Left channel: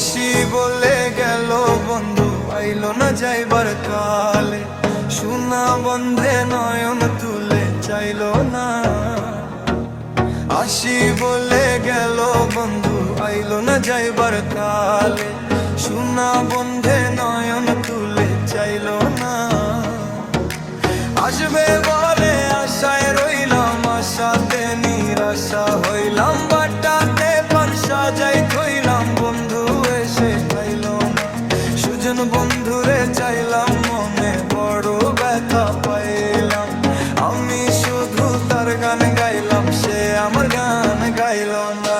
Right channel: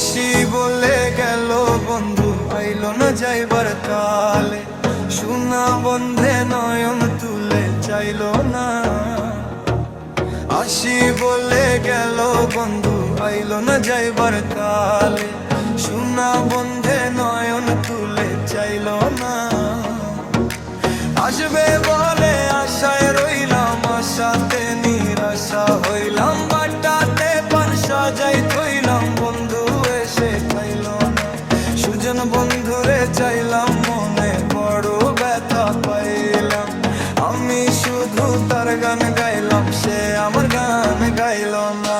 আসি বলে গেল বন্ধু, আইলো না যাইবার কালে। সোনা বন্ধে নয়ন তুলে চাইলো না। আসি বলে গেল বন্ধু, আইলো না যাইবার কালে। সোনা বন্ধে নয়ন তুলে চাইলো না। আসবে বলে আশায় রইলাম, আশাতে নিরাশা হইলাম। বাটাতে পান সাজাই থইলাম, বন্ধু এসে খাইলো না। সুজন বন্ধুরে চাইলাম মনে, বড় ব্যথা পাইলাম। আমি শুধু তার গান গাইলাম, সে আমার গান গাইল না।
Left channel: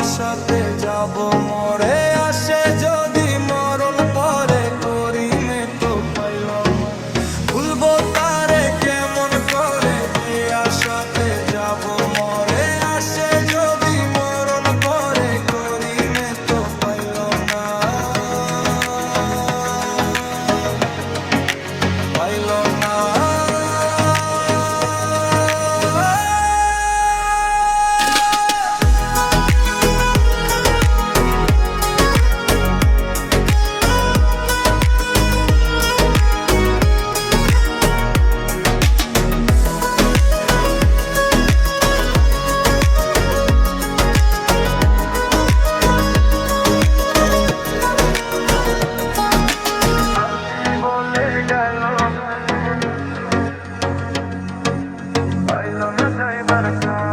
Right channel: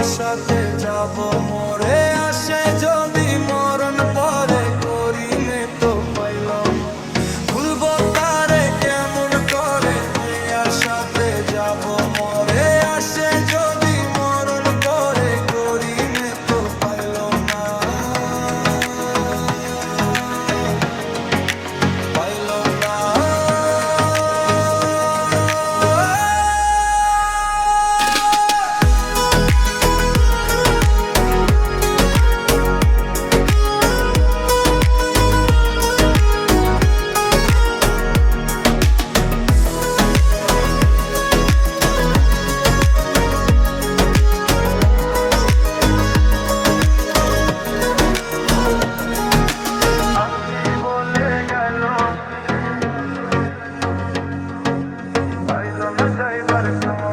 আশাতে যাব মরে, আসে যদি মরণ পরে করিমে তো পাইলাম। ভুলবো তারে কেমন করে, এই আশাতে যাব মরে। আসে যদি মরণ পরে করিমে তো পাইলাম না, পাইলাম না। আইলো না যাইবার কালে।